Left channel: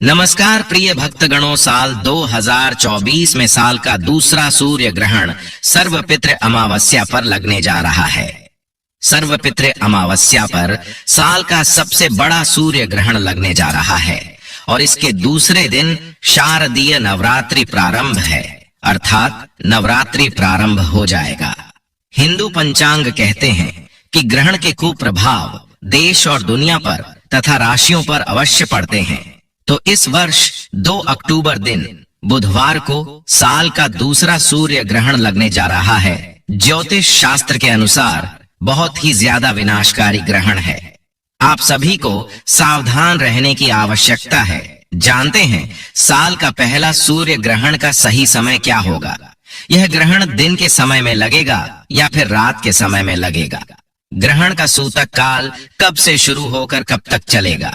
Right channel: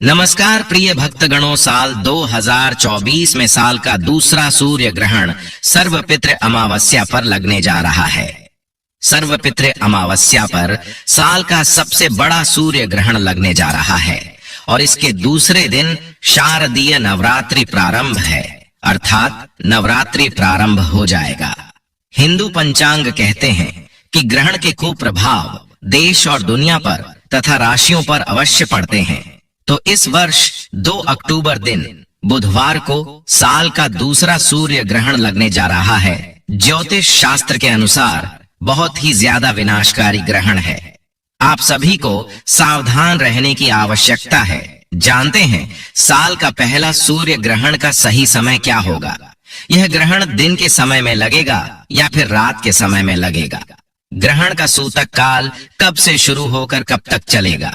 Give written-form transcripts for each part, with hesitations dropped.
नमस्कार प्रिय भक्तगणों, साल 2024 में साल का दूसरा सूर्य ग्रहण सर्वपितृ अमावस्या पर लगने जा रहा है। सर्वपितृ अमावस्या पर साल का सबसे बड़ा सूर्य ग्रहण लगने जा रहा है और इसके दूसरे दिन शारदीय नवरात्रि प्रारंभ है, अर्थात नवरात्रि प्रारंभ हो जाएगा। हिंदू पंचांग कहते हैं कि ग्रहण के कुप्रभाव देश और दुनिया पर तथा राशियों पर अवश्य पड़ते हैं। तो इस वर्ष 2 अक्टूबर दिन बुधवार को साल का दूसरा सूर्य ग्रहण लगने जा रहा है। ज्योतिष शास्त्र के अनुसार बहुत ही ज्यादा विनाशकारी ग्रहण है। आप सभी को सावधान रहने की आवश्यकता है। जानते हैं साल का पहला सूर्य ग्रहण का सही समय क्या होगा? यह ग्रहण दिन के समय में लगेगा या फिर रात के समय में लगेगा? ग्रहण का सूतक काल कब से शुरू होकर कब तक चलेगा?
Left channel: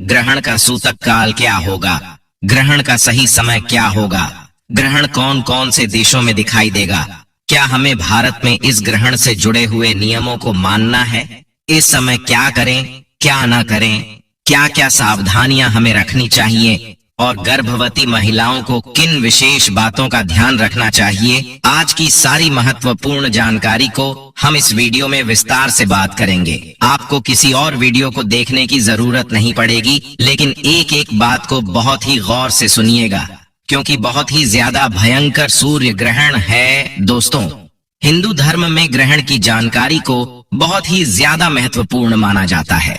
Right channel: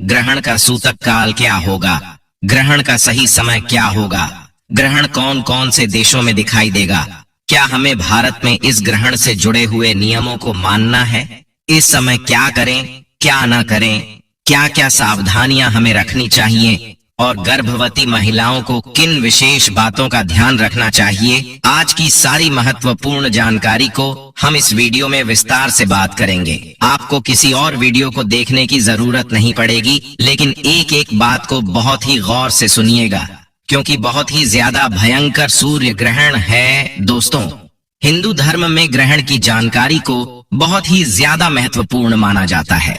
ग्रहण का सूतक काल क्या होगा? ग्रहण का सही समय क्या होगा? ग्रहण कौन कौन से देशों में दिखाई देगा? क्या हमें भारत में इस ग्रहण से जुड़े हुए नियमों को मानना है? इस समय क्या करें, क्या ना करें? क्या क्या सावधानियां हमें रखनी चाहिए और गर्भवती महिलाओं को किन विशेष बातों का ध्यान रखना चाहिए? आज की सारी महत्वपूर्ण जानकारी को हम इस वीडियो में विस्तार से बात करेंगे। आपको किसी और वीडियो को देखने की जरूरत नहीं पड़ेगी, लेकिन एक एक बात को बहुत ही गौर से सुनिएगा, क्योंकि बहुत ही ज्यादा भयंकर सूर्य ग्रहण है। दोस्तों, हिंदू धर्म में ग्रहण की जानकारी को बहुत ही ज्यादा महत्वपूर्ण माना जाता है।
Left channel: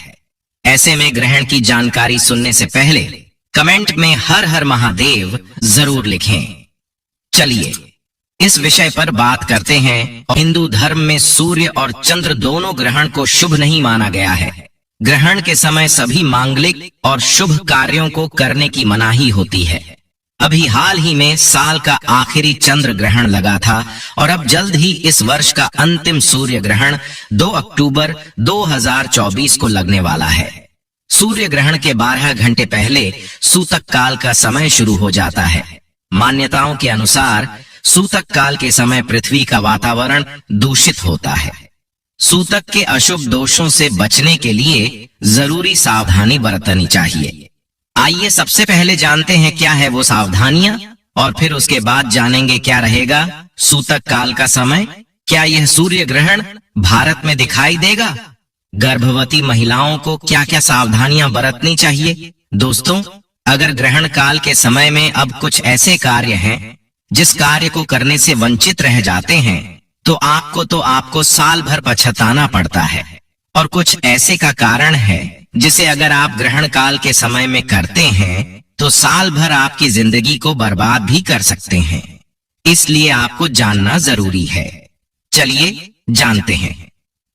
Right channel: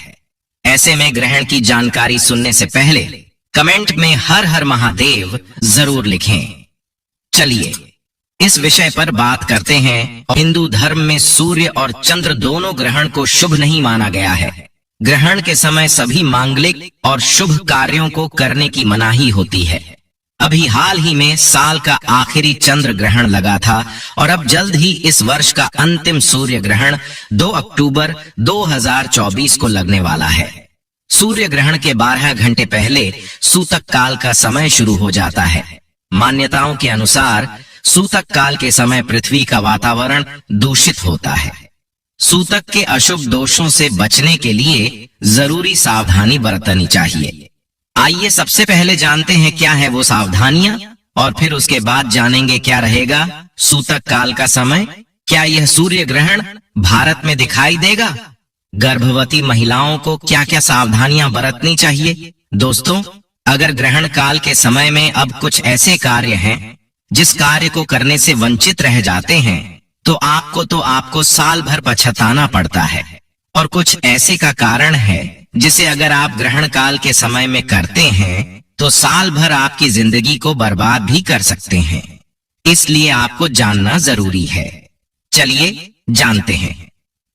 ऐसे में ग्रहण की जानकारी सुनने से पहले कमेंट में हर हर महादेव जरूर लिखें। चलिए इस विषय पर बात करते हैं। हिंदू धर्म में सूर्य और चंद्र दोनों ग्रहण को शुभ नहीं माना गया है। ग्रहण के समय सभी मांगलिक और शुभ कार्यों को करने की मनाही होती है। अभी हाल ही में साल का आखिरी चंद्र ग्रहण लगा था और अब जल्द ही इस वर्ष का अंतिम सूर्य ग्रहण 2 अक्टूबर 2024 को लगने वाला है। सूर्य ग्रहण के 12 घंटे पहले सूतक काल का समय शुरू हो जाता है। मान्यताओं के अनुसार सूतक काल के समय पृथ्वी का वातावरण दूषित होता है। सूतक के अशुभ दोषों से बचने के लिए जरूरी सावधानी बरतनी चाहिए। आइए सबसे पहले जानते हैं क्या है वो सावधानियां और फिर उसके बाद जानेंगे क्या रहेगा सूतक काल का समय। क्या यह सूर्य ग्रहण भारत में दिखाई देगा? गर्भवती महिलाओं को क्या क्या सावधानियां बरतनी चाहिए? दोस्तों, अगर ग्रहण काल के समय में अब कुछ ऐसे कार्य हैं जिस कार्य को करने से वंचित रह जाते हैं तो आपको साल भर पछताना पड़ता है। और कुछ ऐसे का कारण है जिसे अगर आप ग्रहण काल के समय में करते हैं तो साल भर आपकी जिंदगी को बर्बाद भी कर सकते हैं। इसलिए आपको जानना जरूरी है। चलिए जानते हैं।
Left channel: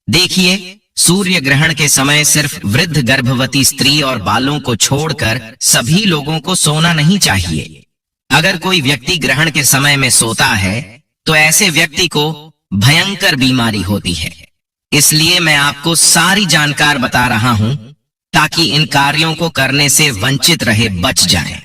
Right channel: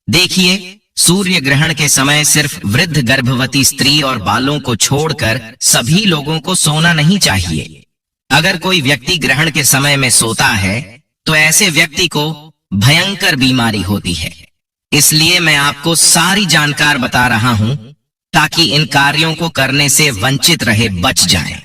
देखिए, सूर्य ग्रहण के समय सिर्फ वृद्ध गर्भवती स्त्री और बालों को छोड़कर सभी लोगों को सोना नहीं चाहिए। अगर कोई व्यक्ति ग्रहण के समय में सोता है तो ऐसे व्यक्ति को भयंकर बीमारी होती है। इसलिए मैं आपको सारी जानकारी बता रहा हूं ताकि इन कार्यों को करने से वंचित रहे, बच जाएं।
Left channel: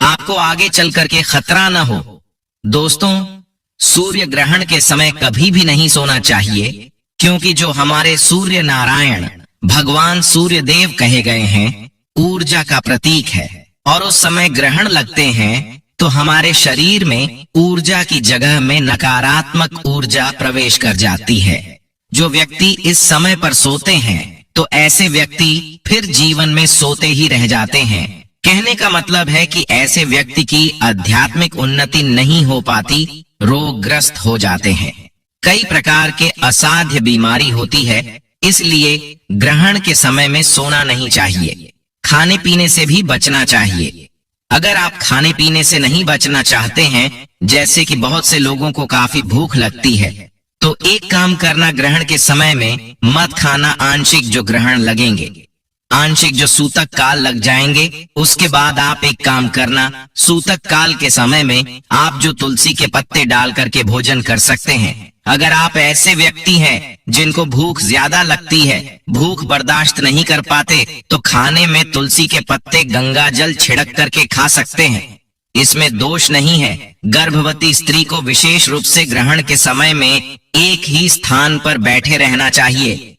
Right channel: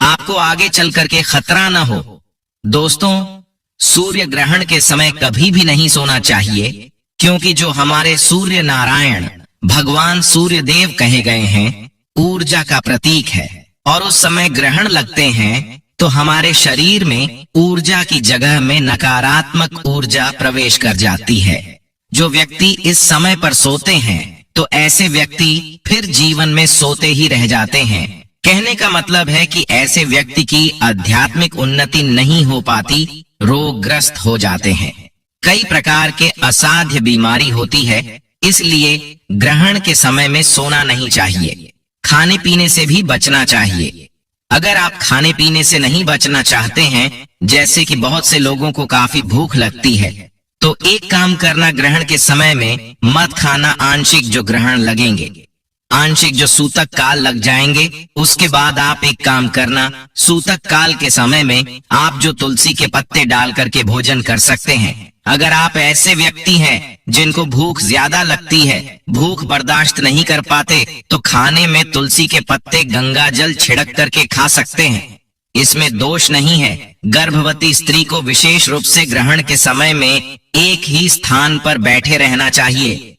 आपको आगे चल करके खतरा न हो। दोस्तों, सूर्य ग्रहण के समय कभी भी नहीं सोना चाहिए, क्योंकि जो हमारे सूर्य नारायण भगवान सूर्य देव कहे गए हैं ऊर्जा का प्रतीक है और उस समय ग्रहण लगते हैं तो हमारे शरीर में ऊर्जा की जगह में नकारात्मक ऊर्जा प्रवेश कर जाती है। जो व्यक्ति इस समय पर सोते हैं तो ऐसे व्यक्ति फिर जीवन में सोते ही रह जाते हैं। कहने का मतलब है कि ऐसे व्यक्ति की आध्यात्मिक उन्नति नहीं हो पाती, रोगग्रस्त हो जाते हैं। कई प्रकार के असाध्य बीमारी होती है, इसलिए ग्रहण के समय में सोना नहीं चाहिए। खाने पीने से भी बचना चाहिए। अगर आप खाने पीने से नहीं बचना चाहते हैं, जैसे कि बहुत से लोगों को काफी भूख लगती है, तो एक काम करना, ग्रहण के समय में मत खाना आंशिक जो ग्रहण लगेंगे, आंशिक जो सूतक काल लग जाएंगे, उसके बाद आप एक काम करना, सूतक काल के समय में आप जो तुलसी के पत्ते डाल करके भोजन कर सकते हैं। अगर आप ऐसे व्यक्ति हैं जिनको भूख ज्यादा लगती है, भूख बर्दाश्त नहीं कर पाते, तो खाने में तुलसी के पत्ते गंगा जल छिड़क करके खा सकते हैं। इसमें दोष नहीं है। गर्भवती स्त्री को विशेष रूप से ग्रहण के समय में एक ही स्थान पर बैठे रहना चाहिए।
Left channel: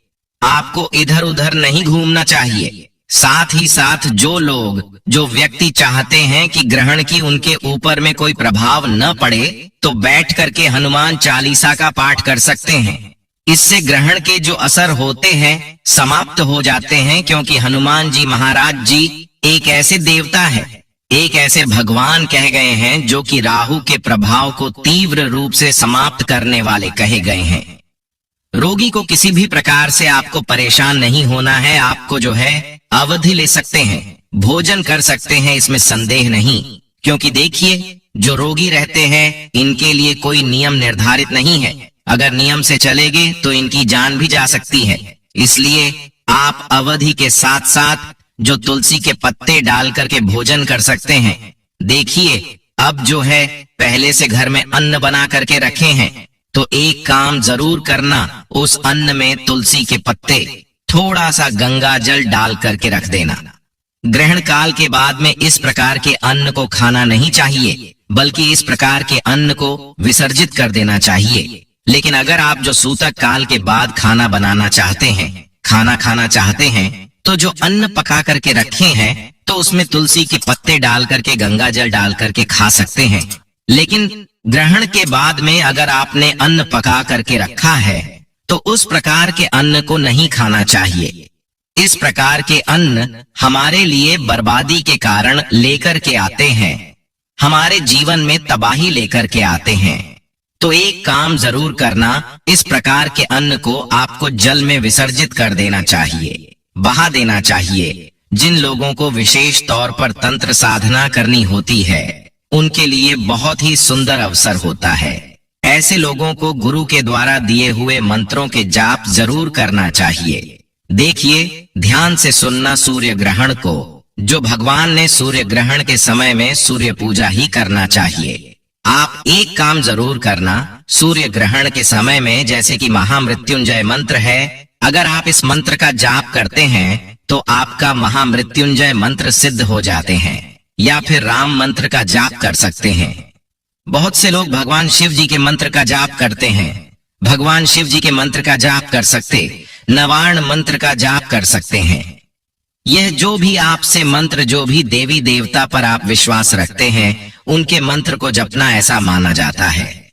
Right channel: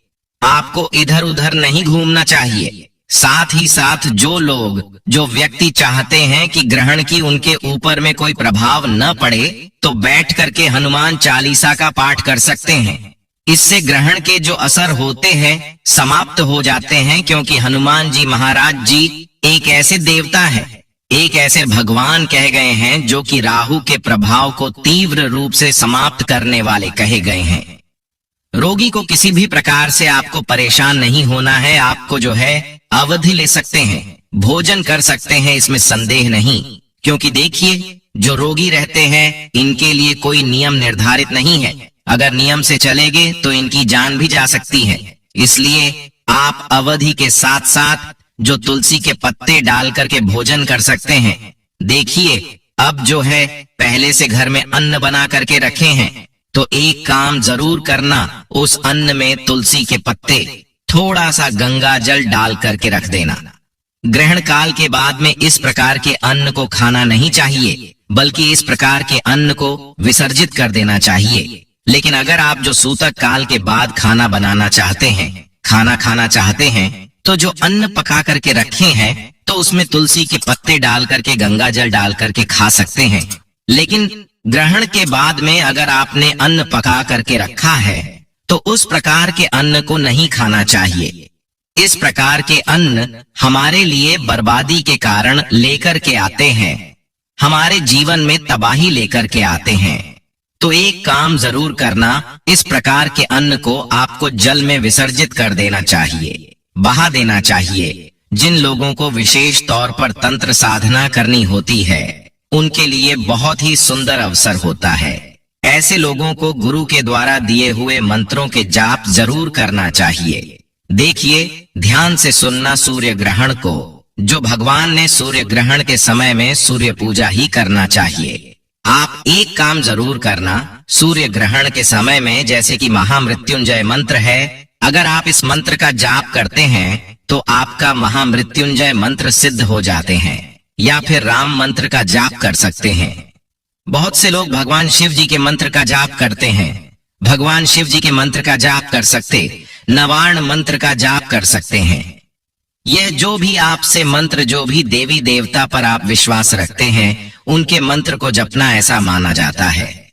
आपको इधर उधर नहीं घूमना चाहिए। साथ ही साथ जो व्यक्ति चाहते हैं कि ग्रहण की उनके ऊपर में कोई प्रभाव न पड़े, तो बैठ करके हनुमान चालीसा का पाठ कर सकते हैं। इससे ग्रहण के जो असर होते हैं समाप्त हो जाते हैं, क्योंकि हनुमान जी महाराज जी एक ऐसे देवता है, एक ऐसे भगवान कहे गए हैं जो कि राहु के प्रभाव को तीव्र रूप से समाप्त करने वाले कहे गए हैं। रोगी को किसी भी प्रकार से आपको परेशान नहीं होना है। आपको जो है अवधि ले सकते हैं, भोजन कर सकते हैं, इसमें संदेह नहीं। क्योंकि देखिए, जो रोगी रहते हैं इनके लिए कोई नियम निर्धारित नहीं है। अगर नियम से चलेंगे तो इनकी जान भी जा सकती है। इसलिए आप अवधि के साथ साथ जो तुलसी के पत्ते डाल करके भोजन कर सकते हैं। देखिए, अब जो है पहले से घर में अन्न बना करके रखे हैं, तो एक काम जरूर करना, उस अन्न में तुलसी के पत्ते, थोड़ा सा गंगा जल डाल करके रख देना। ग्रहण काल के बाद में इस प्रकार के अन्न को खाना नहीं चाहिए, बल्कि इस प्रकार के अन्न को विसर्जित कर देना चाहिए। लेकिन अगर आप जो सूतक काल के बाद खाना बनाना चाहते हैं, खाना खाना चाहते हैं, तो जो अन्न पका करके रखे हैं तो उसमें तुलसी के पत्ते डाल करके गंगा जल डाल करके खा सकते हैं। लेकिन ग्रहण के बाद में अगर आपने अन्न पका करके रखा है तो उस प्रकार के अन्न को नहीं खाना चाहिए। इस प्रकार के अन्न हमारे लिए बर्बादी के कारण लेकर के आते हैं, हमारे जीवन में तबाही लेकर के आते हैं। तो एक काम जरूर करना, इस प्रकार के अन्न को आपको जल में विसर्जित कर देना चाहिए, बहा देना चाहिए। जिन लोगों को विशेष तौर पर तंत्र साधना करनी होती है, उनके लिए बहुत ही सुंदर अवसर होता है। ऐसे लोगों को गुरु के द्वारा दिए हुए मंत्रों के जाप जरूर करना चाहिए। देखिए, ध्यान से सुनना सूर्य ग्रहण को, जो भगवान ने सूर्य ग्रहण के समय में सूर्य पूजा ही करना चाहिए। आप एक काम जरूर करना, सूर्य ग्रहण के समय में, जैसे कि महामृत्युंजय मंत्र है, अगर आप इस मंत्र का जाप करते हैं तो आपका महामृत्युंजय मंत्र सिद्ध हो जाते हैं। या फिर राम मंत्र का जाप कर सकते हैं। बहुत से लोग भगवान शिव जी के मंत्र का जाप करते हैं, भगवान शिव जी के मंत्र का जाप कर सकते, नवार्ण मंत्र का जाप कर सकते हैं। यह जो भी आपसे मंत्र, जो भी देवी देवता पर आप विश्वास रखते हैं, उनके मंत्र को जपना ऐसा माना जाता है।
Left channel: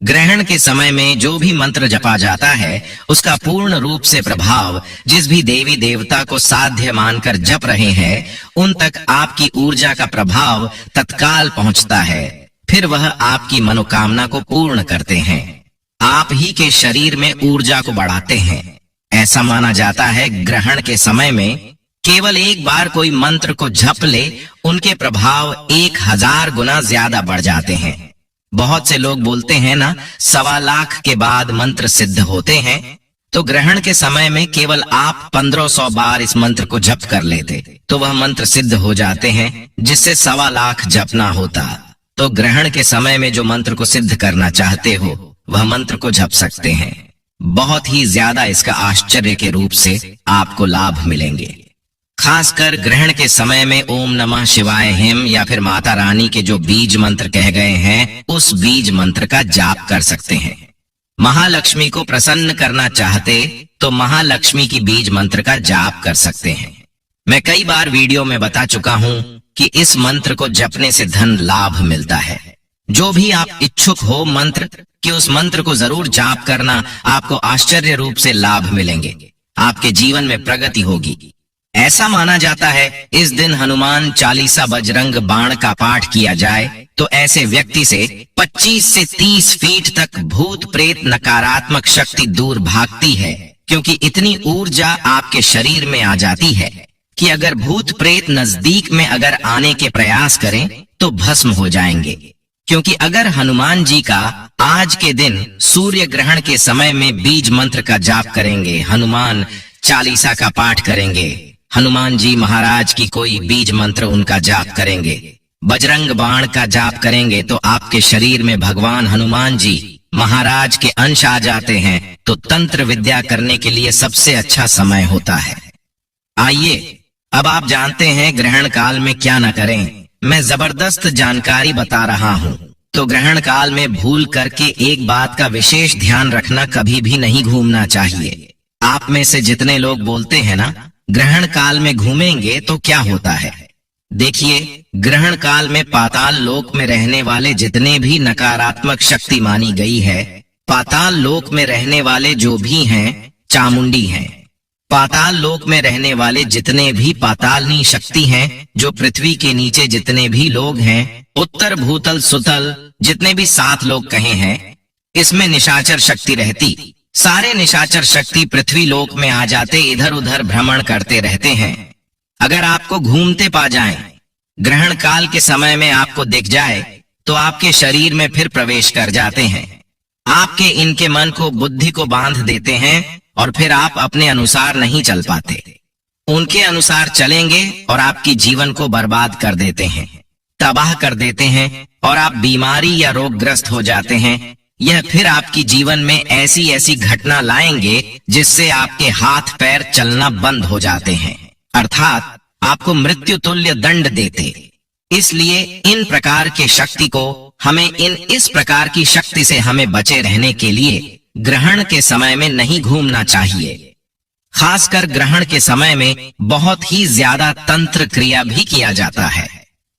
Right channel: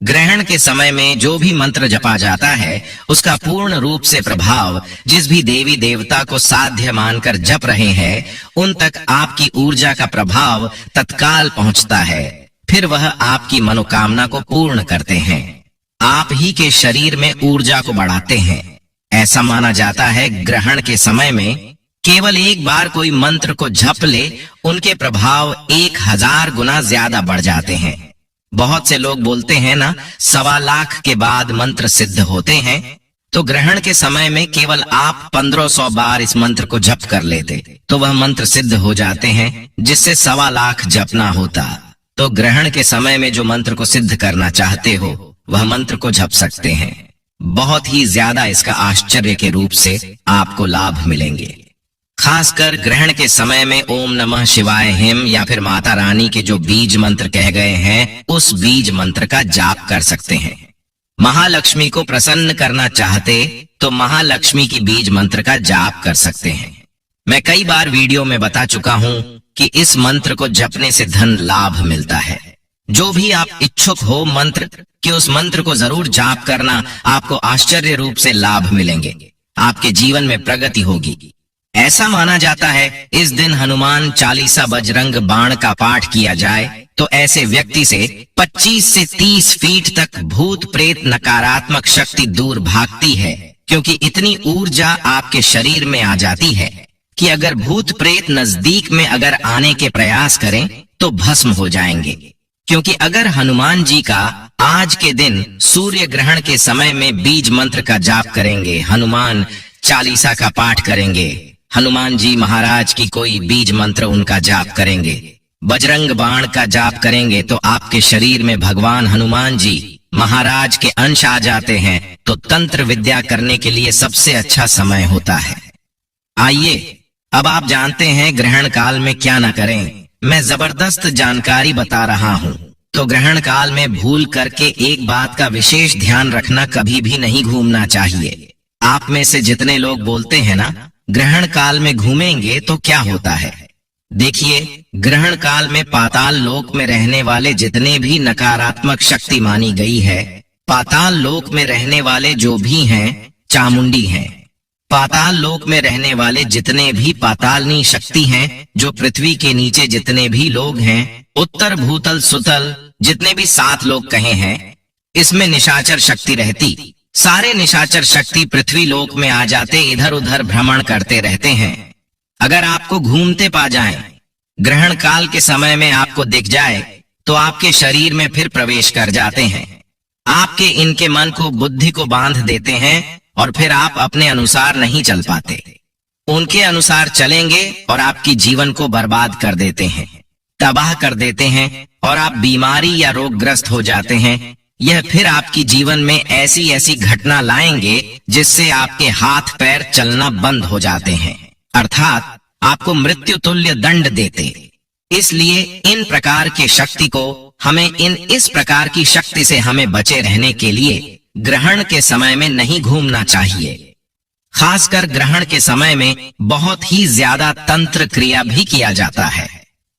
ग्रहण के समय में जो भी मंत्र जपा जाता है, उसका पूर्ण रूप से प्रभाव जिस भी देवी देवता को साध्य मानकर जप रहे हैं, उन तक आपकी ऊर्जा का प्रभाव तत्काल पहुंचता है। फिर वह आपकी मनोकामना को पूर्ण करते हैं, आप ही के शरीर में ऊर्जा को बढ़ाते हैं। ऐसा माना जाता है ग्रहण के समय में केवल एक बार कोई मंत्र को जप ले, उनके प्रभाव 1000 गुना ज्यादा बढ़ जाते हैं। बहुत से लोग बोलते हैं ना, 1.25 लाख के बाद मंत्र सिद्ध होते हैं। तो ग्रहण के समय में केवल आप 1500 बार इस मंत्र को जप कर लेते तो वह मंत्र सिद्ध हो जाते हैं, जिससे 1.25 लाख जपना होता। तो ग्रहण के समय में जो मंत्र को सिद्ध करना चाहते हो, वह मंत्र को जप सकते हैं। बहुत ही ज्यादा इसका आश्चर्य के रूप से आपको लाभ मिलेंगे। खासकर ग्रहण के समय में ओम नमः शिवाय हिम या फिर माता रानी के जो बीज मंत्र कह गए हैं, उस बीज मंत्र का जाप कर सकते हैं। महालक्ष्मी को प्रसन्न करना चाहते तो महालक्ष्मी की बीज मंत्र का जाप कर सकते हैं। मैं कई बार वीडियो में बता चुका हूं कि इस मंत्र को जपने से धन लाभ मिलता है। जो भी आप इच्छुक हो मंत्र कि उस मंत्र को जरूर जाप करना, आपको आश्चर्य रूप से लाभ मिलेंगे, आपके जीवन में प्रगति होगी। ऐसा माना जाता है इस दिन हनुमान चालीसा बजरंग बाण का पाठ किया जाए तो ऐसे व्यक्ति से 25 से 30 फीट तक भूत प्रेत नकारात्मक शक्ति दूर भागती है, क्योंकि इतनी ऊर्जा आपके शरीर में आ जाती है कि अगर भूत प्रेत नजदीक में अगर आने के प्रयास करें तो भस्म हो जाएंगे। क्योंकि अगर हनुमान जी का आज के दिन सूर्य ग्रहण के समय में बीज मंत्र का जाप करेंगे, हनुमान चालीसा का पाठ करेंगे, हनुमान जी महाराज की कोई बीज मंत्र उनका जाप करेंगे, बजरंग बाण का जाप करेंगे, तो आपके शरीर में भगवान हनुमान जी महाराज के अंश आ जाते हैं। तो तंत्र विद्या करने के लिए सबसे अच्छा समय होता है। आइए अब आप जानते हैं ग्रहण काल में क्या न करें। मैं जबरदस्त जानकारी बता रहा हूँ। तो ग्रहण काल में भूल करके एक बात का विशेष ध्यान रखना, कभी भी नहीं घूमना चाहिए। आप में से जितने लोग बोलते हैं ना, ग्रहण काल में घूमेंगे तो क्या होता है। देखिए, ग्रहण काल में पाताल लोक में रहने वाले जितने भी नकारात्मक शक्ति मानी गई है, पाताल लोक में रहने वाले जो भी हैं, चामुंडी हैं। पाताल लोक में रहने वाले जितने भी पातालनी शक्ति हैं, जो पृथ्वी के नीचे जितने भी लोग हैं, उत्तर भूतल सुतल जितने भी 7 लोग कहे हैं, इसमें निशाचर शक्ति रहती। सारे निशाचर शक्ति पृथ्वी लोक में आ जाते, इधर उधर भ्रमण करते रहते हैं। अगर आपको घूमते पा जाएं, ग्रहण काल के समय में आपको दिख जाए, तो आपके शरीर में फिर प्रवेश कर जाते हैं। आपके इनके मन को, बुद्धि को बांध देते हैं और फिर आप अपने अनुसार नहीं चल पाते। उनके अनुसार चलेंगे और आपकी जीवन को बर्बाद कर देते हैं, तबाह कर देते हैं और आप बीमारी या रोगग्रस्त हो जाते हैं। यह फिर आपकी जीवन में ऐसी ऐसी घटना लाएंगे जिससे आपके हाथ पैर चलना बंद हो जाते हैं, अर्थात आपको मृत्यु तुल्य दंड देते। इसलिए इन प्रकार के शक्ति को हमें इस प्रकार की शक्ति से हमें बचे रहने के लिए ग्रहण के समय में नहीं घूमना चाहिए। खासकर ग्रहण के समय में बहुत ही ज्यादा तंत्र क्रिया भी किया जाता है,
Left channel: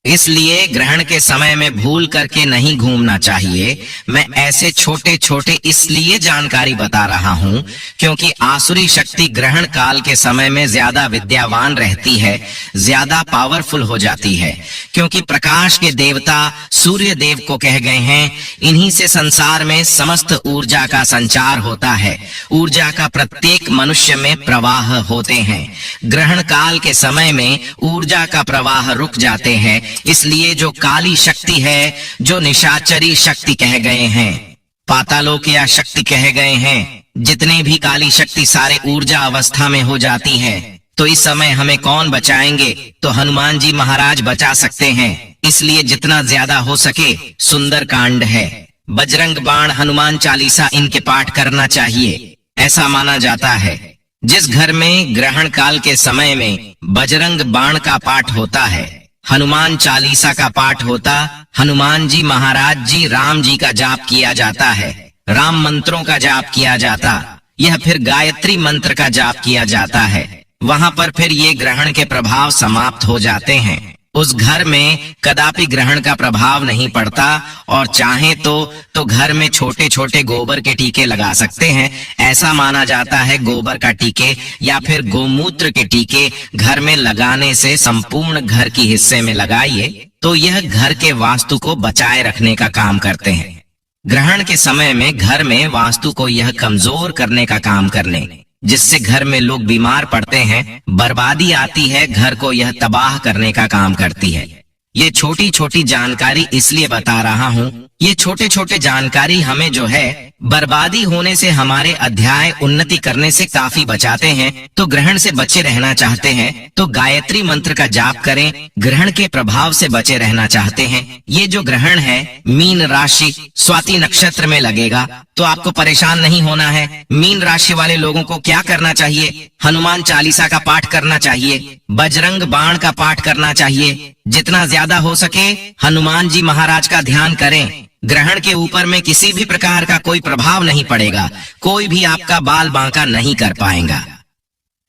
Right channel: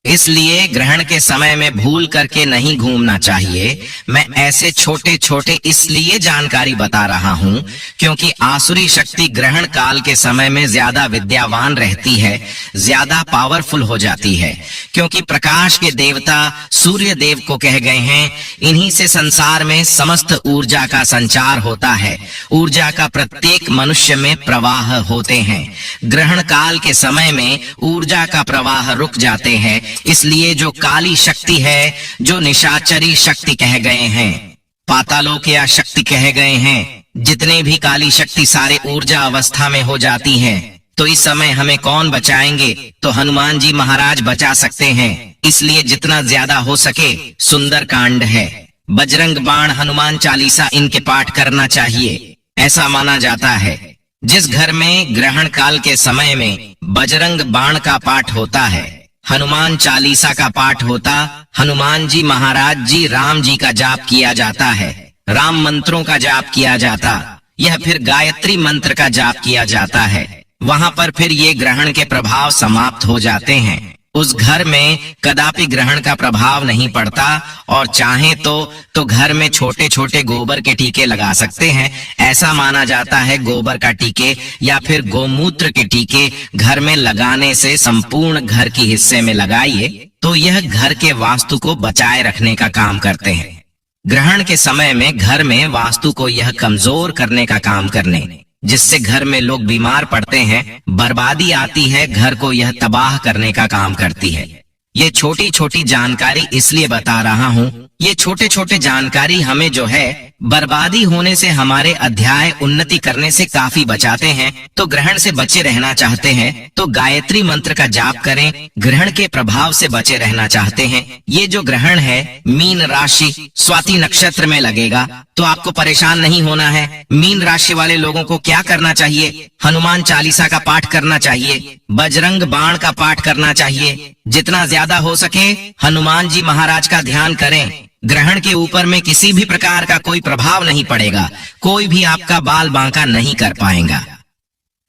इसलिए ग्रहण के समय में भूल करके नहीं घूमना चाहिए। मैं ऐसे छोटे छोटे इसलिए जानकारी बता रहा हूँ क्योंकि आसुरी शक्ति ग्रहण काल के समय में ज्यादा विद्यावान रहती है, ज्यादा पावरफुल हो जाती है, क्योंकि प्रकाश के देवता सूर्य देव को कह गए हैं, इन्हीं से संसार में समस्त ऊर्जा का संचार होता है। ऊर्जा का प्रत्येक मनुष्य में प्रवाह होते हैं। ग्रहण काल के समय में ऊर्जा का प्रवाह रुक जाते हैं, इसलिए जो काली शक्ति है, जो निशाचरी शक्ति कहे गए हैं, पातालोकिया शक्ति कहे गए हैं, जितने भी काली शक्ति सारे ऊर्जा अवस्था में हो जाती हैं, तो इस समय हमें कौन बचाएंगे? तो हनुमान जी महाराज बचा सकते हैं। इसलिए जितना ज्यादा हो सके सुंदर कांड है, बजरंग बाण, हनुमान चालीसा इनके पाठ करना चाहिए, ऐसा माना जाता है। जिस घर में ग्रहण काल के समय में बजरंग बाण का पाठ होता है, हनुमान चालीसा का पाठ होता, हनुमान जी महाराज जी, राम जी का जाप किया जाता है, राम मंत्रों का जाप किया जाता, यह फिर गायत्री मंत्र का जाप किया जाता है, वहां पर फिर ये ग्रहण के प्रभाव समाप्त हो जाते हैं। उस घर में कदापि ग्रहण का प्रभाव नहीं पड़ता और चाहे तो घर में छोटे छोटे गोबर के टीके लगा सकते हैं। ऐसा माना जाता है गोबर का टीके या फिर गोमूत्र के टीके घर में लगाने से संपूर्ण घर की हिस्से में लगाइए तो यह घर के वास्तु को बचाए रखने का काम करते हैं। ग्रहण के समय में घर में वास्तु को यह कमजोर करने का काम करने, जिससे घर में लोग बीमार पड़ते हैं, बर्बादी आती है, घर को यह तबाह करने का काम करती है। ये छोटी छोटी जानकारी इसलिए बता रहा हूँ, ये छोटे छोटे जानकारी हमें जो है बर्बादी होने से, हमारे अध्याय उन्नति करने से काफी बचाते हैं। तो ग्रहण से बचे रहना चाहते हैं तो गायत्री मंत्र का जाप करें। ग्रहण के प्रभाव से बचे रहना चाहते हैं, ये जो ग्रहण है मीन राशि स्वाति नक्षत्र में लगेगा, तो आपको परेशान नहीं होना है। मीन राशि वाले लोगों को क्या करना चाहिए? हनुमान चालीसा का पाठ करना चाहिए, बजरंग बाण का पाठ करना चाहिए, जितना ज्यादा हो सके हनुमान जी महाराज का ध्यान करें। ग्रहण के ऊपर में किसी भी प्रकार का कोई प्रभाव नहीं पड़ेगा, कोई भी आपका बाल बांका नहीं कर पाएगा।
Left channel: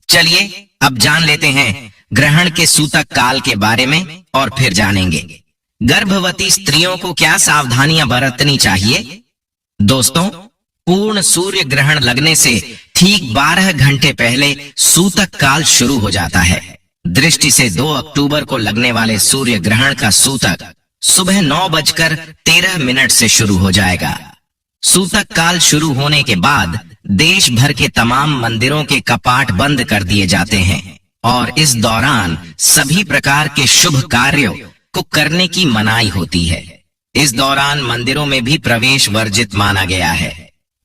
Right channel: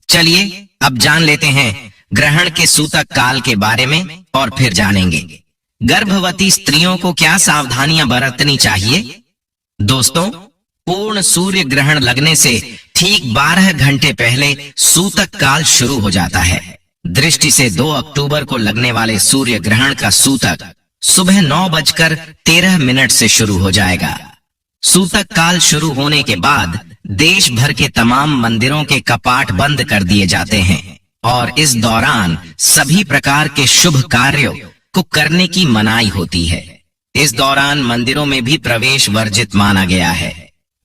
चलिए अब जान लेते हैं ग्रहण के सूतक काल के बारे में और फिर जानेंगे गर्भवती स्त्रियों को क्या सावधानियां बरतनी चाहिए। दोस्तों, पूर्ण सूर्य ग्रहण लगने से ठीक 12 घंटे पहले सूतक काल शुरू हो जाता है। दृष्टि से 2 अक्टूबर को लगने वाले सूर्य ग्रहण का सूतक सुबह 9:13 से शुरू हो जाएगा। सूतक काल शुरू होने के बाद देश भर के तमाम मंदिरों के कपाट बंद कर दिए जाते हैं और इस दौरान सभी प्रकार के शुभ कार्यों को करने की मनाही होती है। इस दौरान मंदिरों में भी प्रवेश वर्जित माना गया है।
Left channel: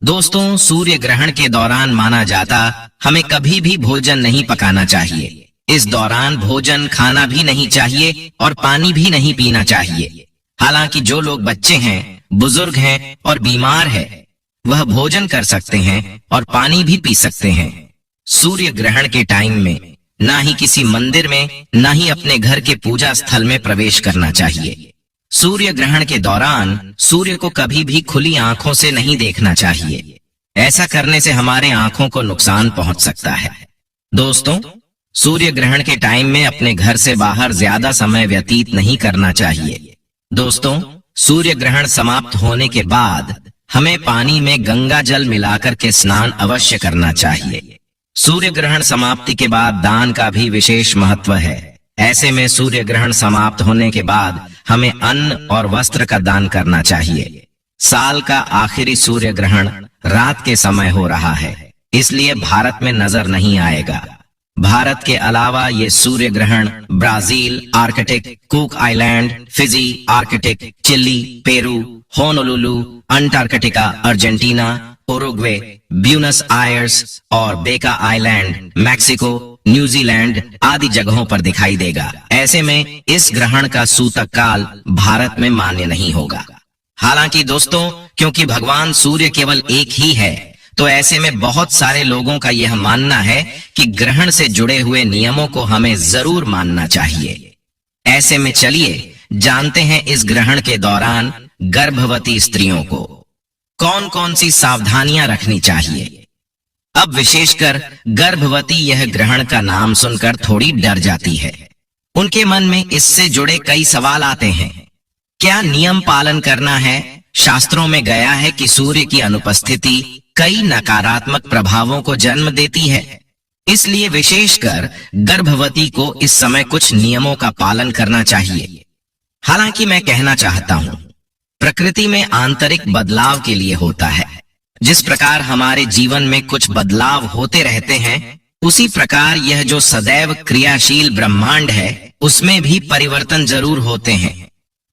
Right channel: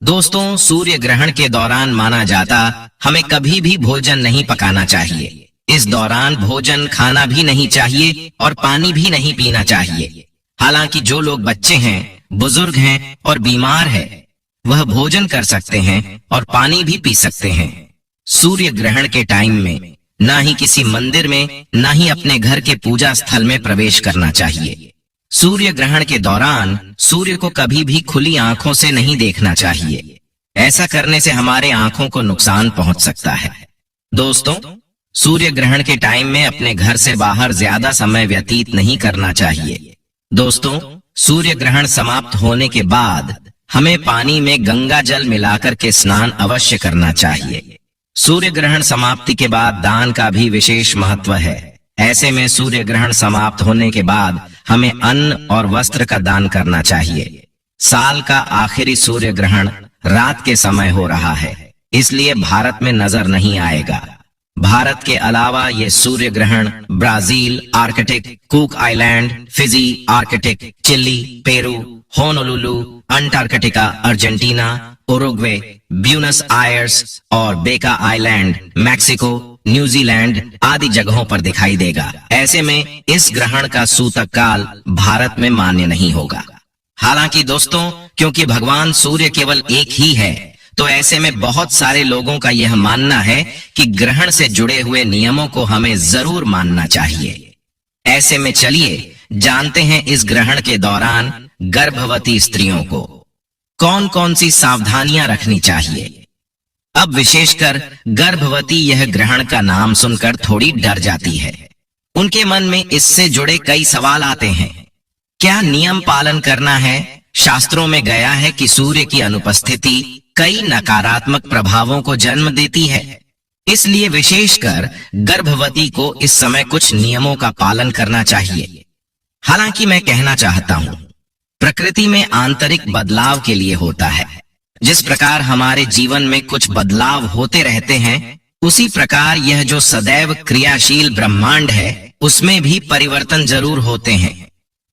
दोस्तों, सूर्य ग्रहण के दौरान माना जाता हमें कभी भी भोजन नहीं पकाना चाहिए। इस दौरान भोजन खाना भी नहीं चाहिए और पानी भी नहीं पीना चाहिए। हालांकि जो लोग बच्चे हैं, बुजुर्ग हैं और बीमार हैं, वह भोजन कर सकते हैं और पानी भी पी सकते हैं। सूर्य ग्रहण के टाइम में ना ही किसी मंदिर में, ना ही अपने घर के पूजा स्थल में प्रवेश करना चाहिए। सूर्य ग्रहण के दौरान सूर्य को कभी भी खुली आंखों से नहीं देखना चाहिए। ऐसा करने से हमारे आंखों को नुकसान पहुंच सकता है। दोस्तों, सूर्य ग्रहण के टाइम में अपने घर से बाहर ज्यादा समय व्यतीत नहीं करना चाहिए। दोस्तों, सूर्य ग्रहण समाप्त होने के बाद हमें पानी में गंगा जल मिलाकर के स्नान अवश्य करना चाहिए। सूर्य ग्रहण समाप्ति के बाद दान का भी विशेष महत्व है। ऐसे में सूर्य ग्रहण समाप्त होने के बाद हमें अन्न और वस्त्र का दान करना चाहिए। साल का आखिरी सूर्य ग्रहण रात के समय हो रहा है, इसलिए भारत में नजर नहीं आएगा। भारत के अलावा ये सूर्य ग्रहण Brazil, Arctic, Cook Island, Fiji, Arctic, Chile, Peru, Honolulu, Antarctica, Argentina, Uruguay, Buenos Aires और बेका आइलैंड, मैक्सिको, न्यूजीलैंड आदि जगहों पर दिखाई देगा। ऐसे में इस ग्रहण का सूतक काल भारत में मान्य नहीं होगा। हालांकि दोस्तों, क्योंकि भगवान सूर्य केवल एक ही है, तो ऐसे में बहुत सारे लोगों का यह मानना है कि ग्रहण से जुड़े हुए नियमों को हमें जरूर मानना चाहिए। ऐसे में चलिए जानते हैं इस ग्रहण के दौरान गर्भवती स्त्रियों को कौन कौन सी सावधानियां रखनी चाहिए। अब विशेषकर गर्भवती यह ग्रहण का नाम सुनकर थोड़ी डर जाती है। उनके मन में इससे जुड़े कई सवाल आते हैं। क्या नियम पालन करना है? शास्त्रों में गया है कि सूर्य की अनुपस्थिति कई नकारात्मक प्रभावों को जन्म देती है, इसलिए विशेषकर गर्भवती को इस समय कुछ नियमों का पालन करना चाहिए। हालांकि मैं कहना चाहता हूं, प्रकृति में आंतरिक बदलाव के लिए होता है। जिस प्रकार हमारे जीवन में कुछ बदलाव होते रहते हैं, उसी प्रकार यह जो सदैव क्रियाशील ब्रह्मांड है, उसमें भी परिवर्तन जरूर होते हैं।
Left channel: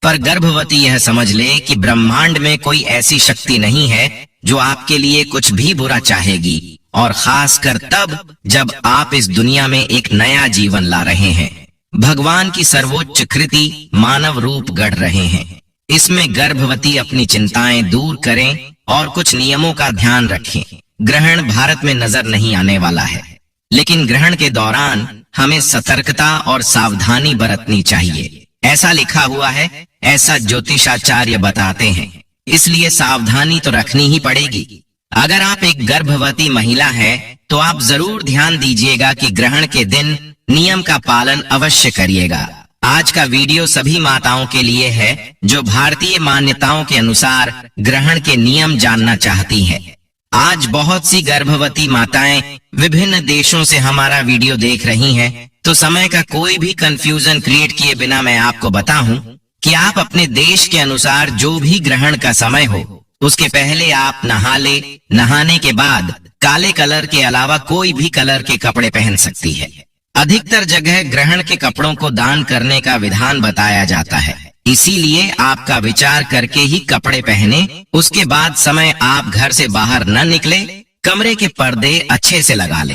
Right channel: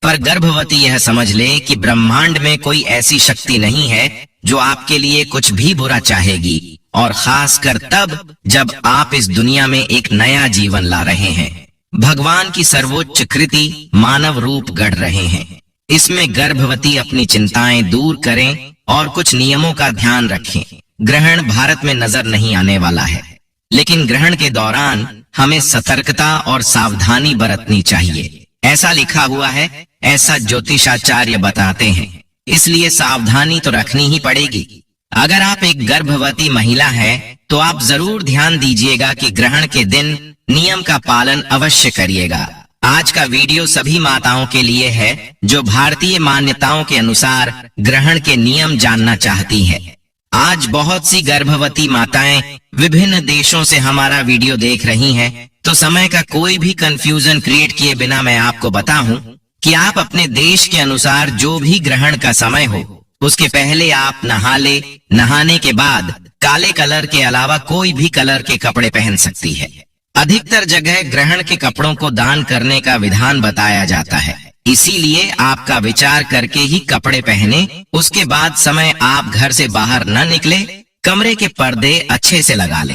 पर गर्भवती यह समझ ले कि ब्रह्मांड में कोई ऐसी शक्ति नहीं है जो आपके लिए कुछ भी बुरा चाहेगी, और खासकर तब जब आप इस दुनिया में एक नया जीवन ला रहे हैं। भगवान की सर्वोच्च कृति मानव रूप गढ़ रहे हैं। इसमें गर्भवती अपनी चिंताएं दूर करें और कुछ नियमों का ध्यान रखें। ग्रहण भारत में नजर नहीं आने वाला है, लेकिन ग्रहण के दौरान हमें सतर्कता और सावधानी बरतनी चाहिए। ऐसा लिखा हुआ है, ऐसा ज्योतिषाचार्य बताते हैं, इसलिए सावधानी तो रखनी ही पड़ेगी। अगर आप एक गर्भवती महिला हैं, तो आप जरूर ध्यान दीजिएगा कि ग्रहण के दिन नियम का पालन अवश्य करिएगा। आज का वीडियो सभी माताओं के लिए है जो भारतीय मान्यताओं के अनुसार ग्रहण के नियम जानना चाहती हैं। आज बहुत सी गर्भवती माताएं विभिन्न देशों से हमारा वीडियो देख रही हैं, तो समय का कोई भी कंफ्यूजन क्रिएट किए बिना मैं आपको बताऊं कि आप अपने देश के अनुसार जो भी ग्रहण का समय हो, उसके पहले आप नहा ले। नहाने के बाद काले कलर के अलावा कोई भी कलर के कपड़े पहन सकती है। अधिकतर जगह ग्रहण के कपड़ों को दान करने का विधान बताया जाता है, इसीलिए आपका विचार करके ही कपड़े पहने। उसके बाद समय आप घर से बाहर न निकले, कमरे के पर्दे अच्छे से लगा ले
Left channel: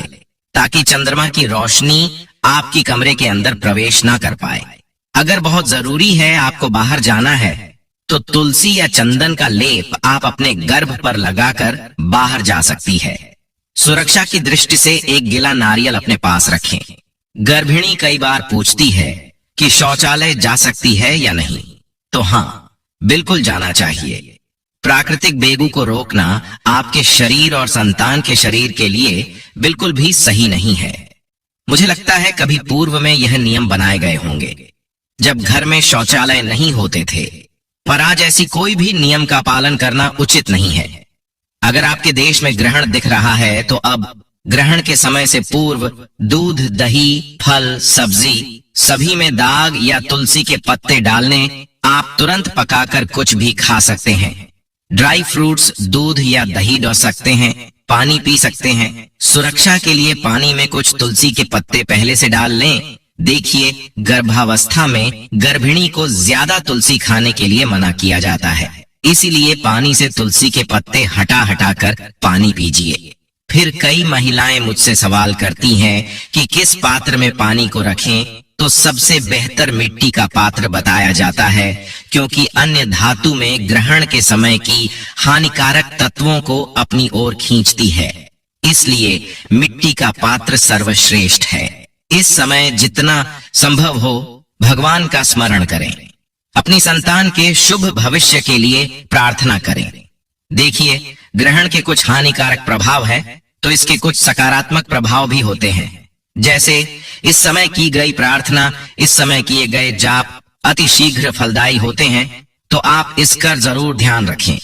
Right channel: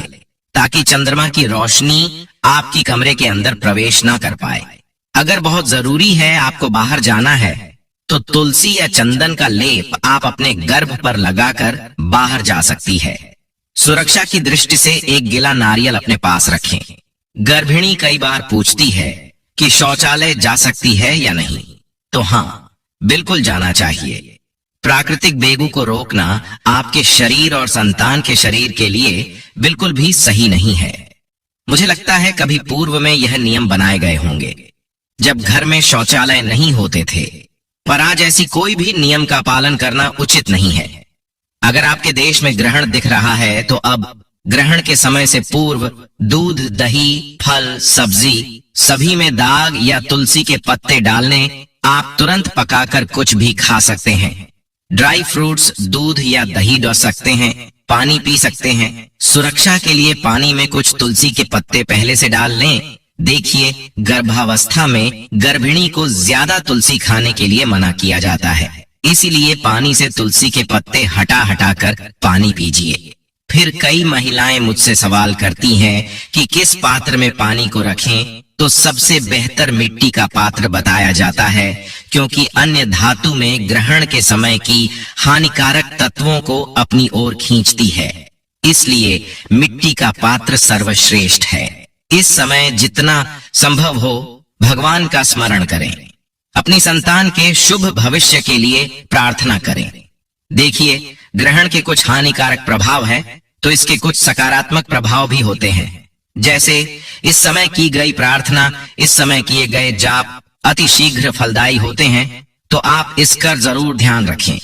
ताकि चंद्रमा की रोशनी आपकी कमरे के अंदर प्रवेश न कर पाए। अगर बहुत जरूरी है, आपको बाहर जाना है, तो तुलसी या चंदन का लेप आप अपने गर्भ पर लगाकर बाहर जा सकती है। सुरक्षा की दृष्टि से एक गिला नारियल अपने पास रखें। गर्भिणी कई बार पूछती है कि शौचालय जा सकती है या नहीं, तो हाँ, बिल्कुल जाना चाहिए। प्राकृतिक बेगू को रोकना आपके शरीर और संतान के शरीर के लिए बिल्कुल भी सही नहीं है। मुझे लगता है कभी पूर्व में यह नियम बनाए गए होंगे जब घर में शौचालय नहीं होते थे, पर आज ऐसी कोई भी नियम का पालन करना उचित नहीं है। अगर आपके देश में ग्रहण दिख रहा है, तो अब ग्रहण के समय से पूर्व दूध, दही, फल, सब्जी सभी में दाग या तुलसी के पत्ते डालने आप तुरंत पकाकर कुछ भी खा सकते हैं। ड्राई फ्रूट्स दूध या दही डो सकते हैं, पानी पी सकते हैं। सुरक्षा के लिए पानी में कुछ तुलसी के पत्ते पहले से डाल लें। देखिए, गर्भावस्था में गर्भिणी को ज्यादा तुलसी खाने के लिए मना किया जाता है, इसीलिए पानी से तुलसी के पत्ते हटा हटा कर पानी पीजिए। फिर कई महिलाएं मुझसे सवाल करती हैं कि किस पात्र में पानी को रखें, तो सबसे बेहतर मिट्टी का पात्र बताया जाता है, क्योंकि अन्य धातु में ग्रहण के समय की हानिकारक तत्वों को अपनी ओर खींचती है, इसलिए मिट्टी का पात्र सर्वश्रेष्ठ है। इस समय जितना संभव हो भगवान का स्मरण करें, अपनी संतान के शुभ भविष्य के लिए प्रार्थना करें। देखिए, ग्रहण के कुछ हानिकारक प्रभाव है, तो इसके कुछ सकारात्मक प्रभाव भी होते हैं। जैसे इस समय की गई प्रार्थना, इस समय किए गए जाप अति शीघ्र फलदायी होते हैं, तो आप इसका जरूर ध्यान रखें।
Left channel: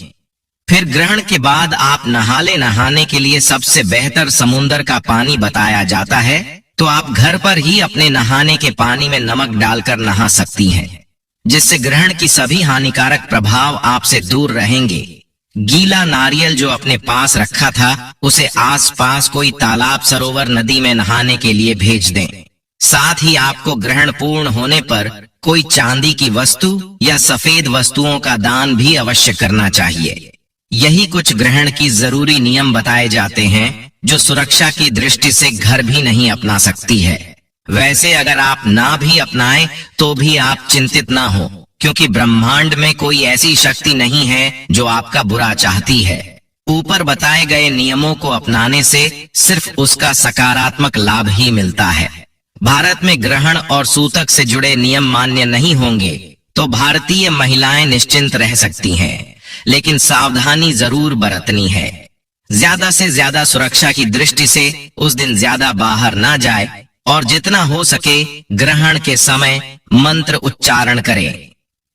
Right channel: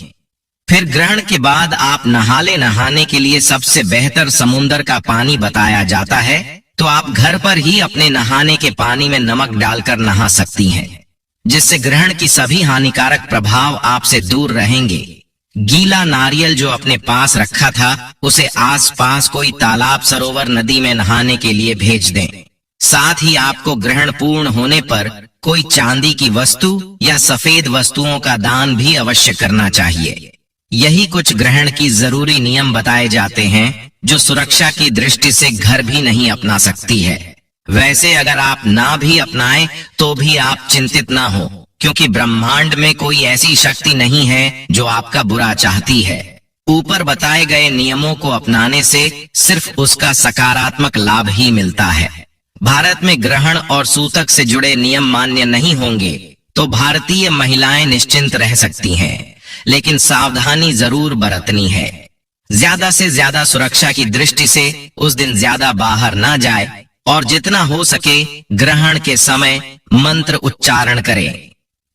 फिर ग्रहण के बाद आप नहाने के लिए सबसे बेहतर समुद्र का पानी बताया जाता है, तो आप घर पर ही अपने नहाने के पानी में नमक डालकर नहा सकती हैं, जिससे ग्रहण की सभी हानिकारक प्रभाव आपसे दूर रहेंगे। गीला नारियल जो अपने पास रखा था, उसे आसपास कोई तालाब, सरोवर, नदी में नहाने के लिए भेज दें। साथ ही आपको ग्रहण पूर्ण होने पर कोई चांदी की वस्तु या सफेद वस्तुओं का दान भी अवश्य करना चाहिए। यही कुछ ग्रहण की जरूरी नियम बताए जाते हैं जो सुरक्षा की दृष्टि से घर भी नहीं अपना सकती है। वैसे अगर आप ना भी अपनाएं तो भी आप चिंतित ना हो, क्योंकि ब्रह्मांड में कोई ऐसी शक्ति नहीं है जो आपका बुरा चाहती है। ऊपर बताए गए नियमों को अपनाने से सिर्फ उसका सकारात्मक लाभ ही मिलता है। भारत में ग्रहण और सूतक से जुड़े नियम मान्य नहीं होंगे तो भारतीय महिलाएं निश्चिंत रह सकती हैं, लेकिन सावधानी जरूर बरतनी है। ज्यादा से ज्यादा सुरक्षा की दृष्टि से उस दिन ज्यादा बाहर ना जाए और जितना हो सके ग्रहण के समय मंत्र उच्चारण करें।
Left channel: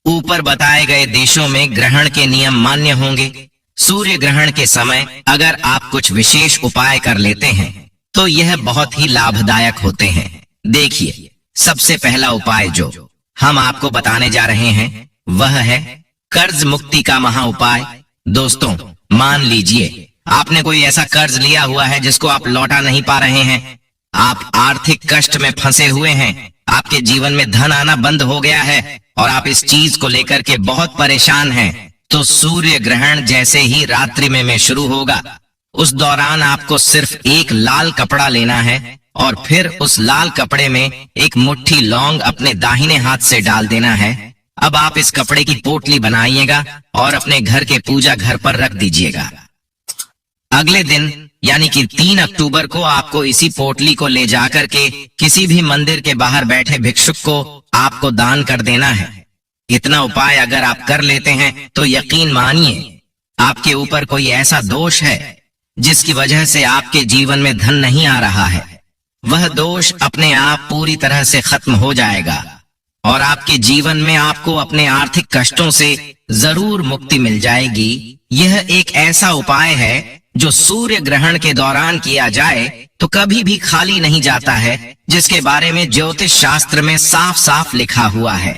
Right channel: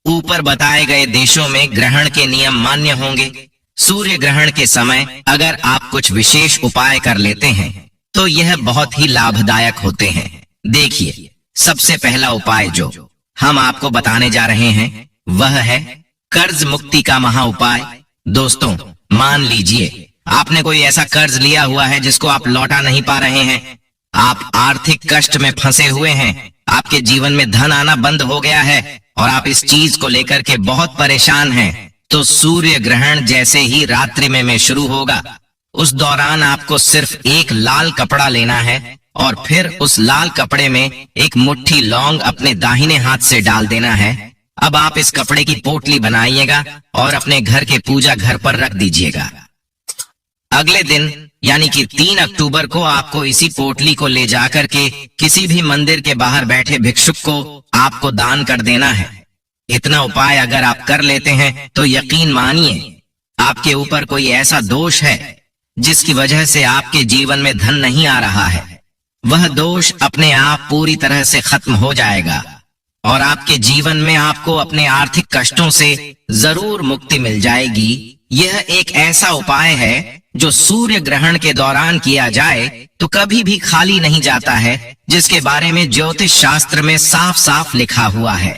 ऊपर बताए गए देशों में ग्रहण के नियम मान्य होंगे। सूर्य ग्रहण के समय अगर आप कुछ विशेष उपाय कर लेते हैं तो यह बहुत ही लाभदायक होते हैं। देखिए, सबसे पहला उपाय जो हम आपको बताने जा रहे हैं वह है कर्ज मुक्ति का महा उपाय। दोस्तों, मान लीजिए आपने कोई ऐसा कर्ज लिया हुआ है जिसको आप लौटा नहीं पा रहे हैं, आप आर्थिक कष्ट में फंसे हुए हैं, आपके जीवन में धन आना बंद हो गया है और आप इस चीज को लेकर के बहुत परेशान हैं, तो सूर्य ग्रहण जैसे ही रात्रि में शुरू होगा, उस दौरान आपको सिर्फ एक लाल कपड़ा लेना है और फिर उस लाल कपड़े में एक मुट्ठी लौंग अपने दाहिने हाथ से डाल देना है। अब आप इस कपड़े की पोटली बनाइएगा और अपने घर के पूजा घर पर रख दीजिएगा। अगले दिन यानी कि 3 अक्टूबर को आपको इसी पोटली को ले जाकर के किसी भी मंदिर के बाहर बैठे भिक्षुक को आपको दान कर देना है। इतना उपाय अगर आप कर लेते हैं तो यकीन मानिए आपके ऊपर कोई ऐसा दोष है जिसकी वजह से आपके जीवन में धन नहीं आ रहा है, वह दोष अपने आप पूरी तरह से खत्म हो जाएगा और आपके जीवन में आपको अपने आर्थिक कष्टों से जरूर मुक्ति मिल जाएगी। यह एक ऐसा उपाय है जो सूर्य ग्रहण के दौरान किया जाए तो कभी भी खाली नहीं जाता है, जिसके बारे में ज्योतिष शास्त्र में साफ साफ लिखा हुआ है।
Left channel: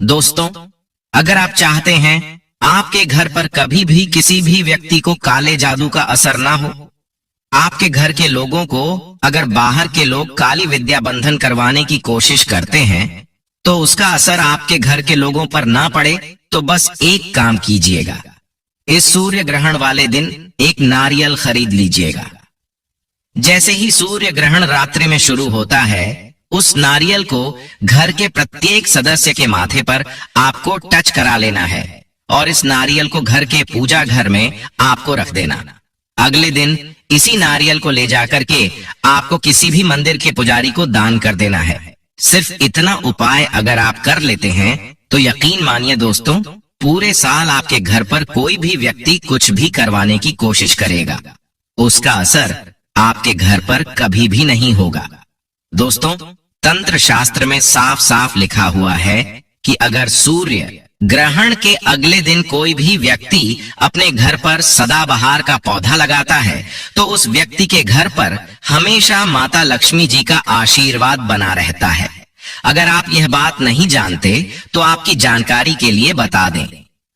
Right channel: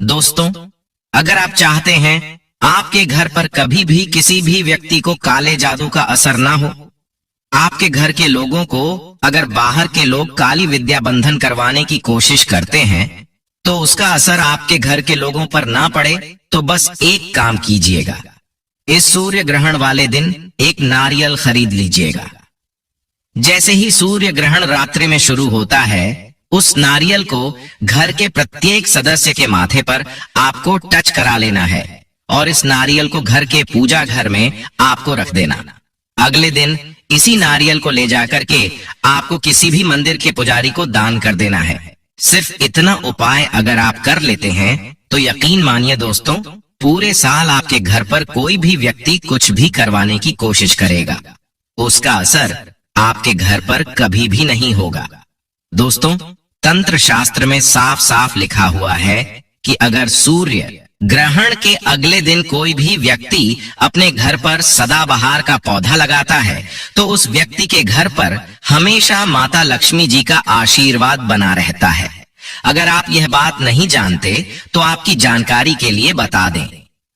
दोस्तों, अगर आप चाहते हैं आपके घर पर कभी भी किसी भी व्यक्ति को काले जादू का असर ना हो, आपके घर के लोगों को अगर बाहर के लोग काली विद्या बंधन करवाने की कोशिश करते हैं तो उसका असर आपके घर के लोगों पर ना पड़े, तो बस एक काम कीजिएगा, इस सूर्य ग्रहण वाले दिन एक नारियल खरीद लीजिएगा। जैसे ही सूर्य ग्रहण रात्रि में शुरू होता है, उस नारियल को घर के प्रत्येक सदस्य के माथे पर आपको टच करा लेना है और इस नारियल को घर के पूजा घर में आपको रख देना। अगले दिन इसी नारियल को ले जाकर के आपको किसी भी मंदिर के पुजारी को दान कर देना है। सिर्फ इतना उपाय अगर आप कर लेते हैं तो यकीन मानिए दोस्तों, पूरे साल आपके घर पर कोई भी व्यक्ति कुछ भी करवाने की कोशिश करेगा, उसका असर आपके घर पर कभी भी नहीं होगा। दोस्तों, तंत्र शास्त्र में साफ साफ लिखा हुआ है कि अगर सूर्य ग्रहण के अगले दिन कोई भी व्यक्ति अपने घर पर सदाबहार का पौधा लगाता है तो उस व्यक्ति के घर पर हमेशा माता लक्ष्मी जी का आशीर्वाद बना रहता है। अगर आप यह बात नहीं जानते तो आपकी जानकारी के लिए बता दें,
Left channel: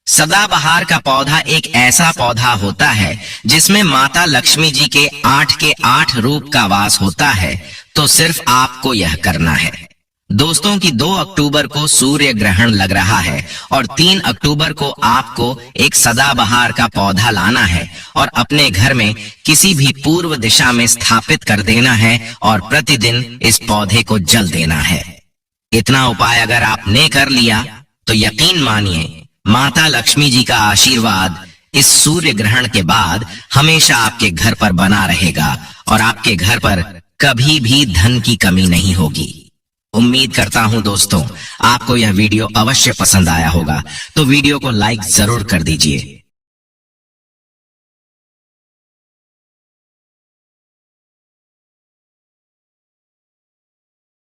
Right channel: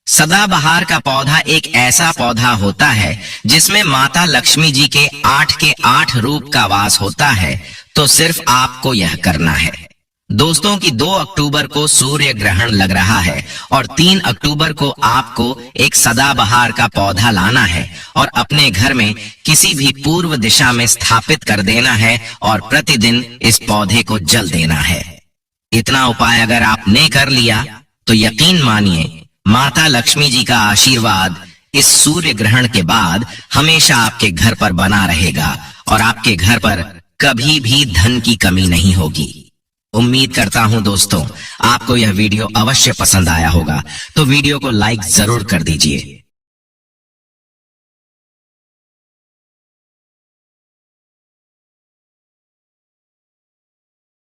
सदाबहार का पौधा एक ऐसा पौधा होता है जिसमें माता लक्ष्मी जी के 8 रूप का वास होता है। तो सिर्फ आपको यह करना है। दोस्तों की 2 अक्टूबर को सूर्य ग्रहण लग रहा है और 3 अक्टूबर को आपको एक सदाबहार का पौधा लाना है और अपने घर में किसी भी पूर्व दिशा में स्थापित कर देना है और प्रतिदिन इस पौधे को जल देना है। इतना उपाय अगर आपने कर लिया तो यकीन मानिए माता लक्ष्मी जी का आशीर्वाद इस सूर्य ग्रहण के बाद हमेशा आपके घर पर बना रहेगा और आपके घर पर कभी भी धन की कमी नहीं होगी। उम्मीद करता हूं दोस्तों आपको यह वीडियो अवश्य पसंद आया होगा, तो वीडियो को लाइक जरूर कर दीजिए।